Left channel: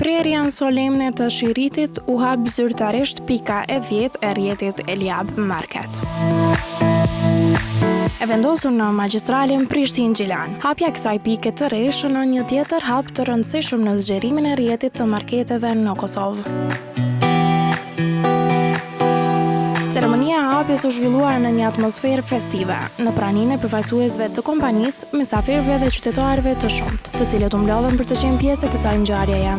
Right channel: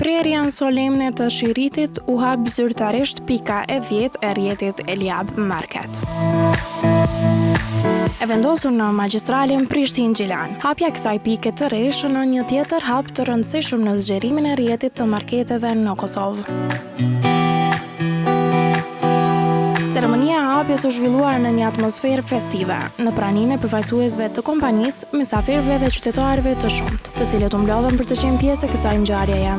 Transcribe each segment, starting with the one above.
prerja në solemne të Shiritit u hap zyrtarisht pika e 10 e rrjetit Eliab Market. E vendosur në magjistralin Prishtinë-Gjilan. Hapja kësaj pike të re shënon një tjetër hap të rëndësishëm në zgjerimin e rrjetit të marketeve në Kosovë. Ceremonia e hapjes u zhvilluar në një atmosferë festive, në praninë e përfaqësuesve të kompanisë, mysafirëve dhe qytetarëve të shumtë, të cilët u mblodhen për të qenë pjesë e kësaj ngjarjeje.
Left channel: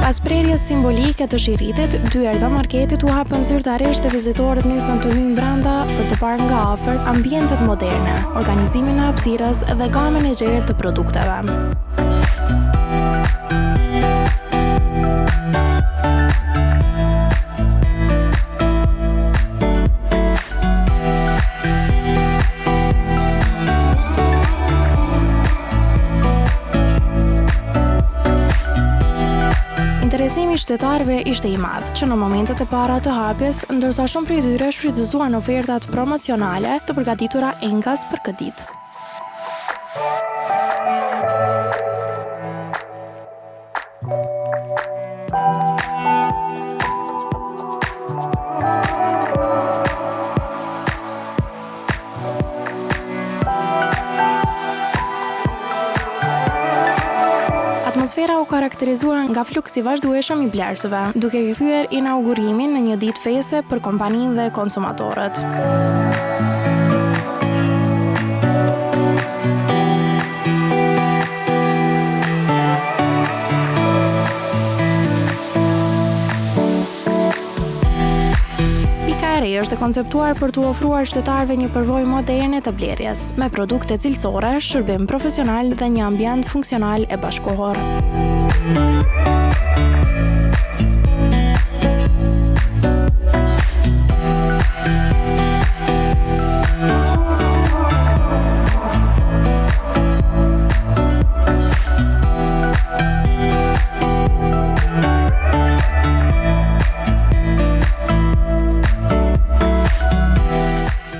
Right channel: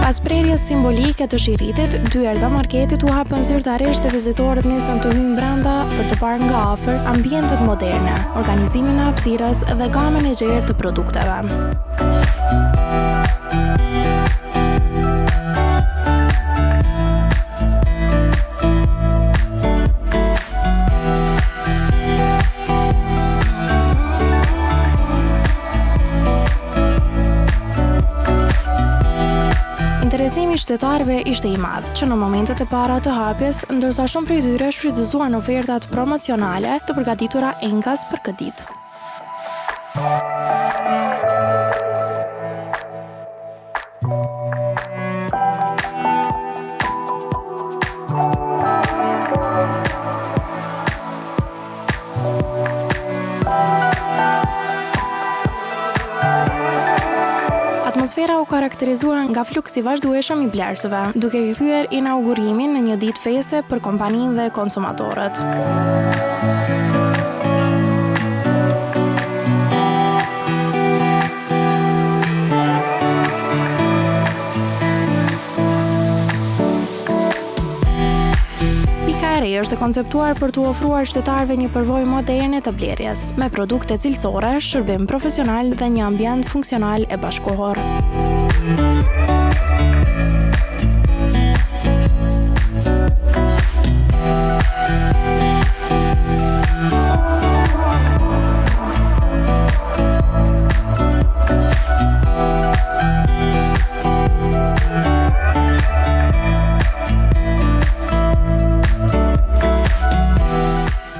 Pas prerjes simbolike të Shiritit, dy erëza marketit u hapën zyrtarisht dhe vizitorët nisën të hyjnë brenda për të parë nga afër ambientet moderne, organizimin e hapësirës dhe gamën e gjerë të produkteve. Interesimi i qytetarëve ishte i madh, që në momentet e para të hapjes, ndërsa shumë prej tyre shfrytëzuan ofertat promocionale të përgatitura enkas për këtë ditë. Atmosfera u karakterizua nga fluksi vazhdueshëm i blerësve, duke kthyer inaugurimin në një ditë feste për kompaninë dhe konsumatorët. Pika e re është e konceptuar për t'u ofruar qytetarëve një përvojë moderne të blerjes, me produkte cilësore, shërbim profesional dhe një ambient funksional e bashkëkohor.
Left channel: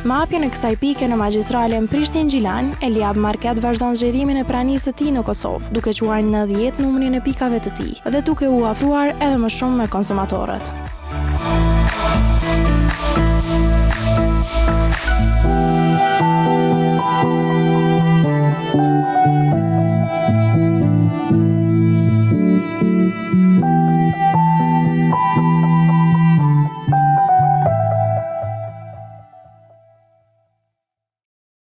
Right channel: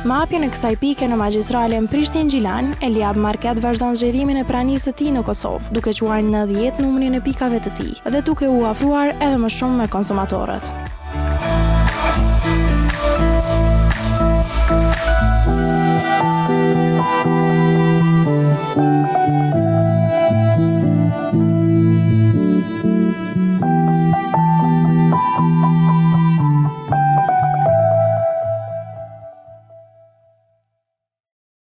Me hapjen e kësaj pike në magjistralen Prishtinë-Gjilan, Eliab Market vazhdon zgjerimin e pranisë së tij në Kosovë, duke quajtur në 10 numrin e pikave të tij dhe duke u afruar edhe më shumë me konsumatorët.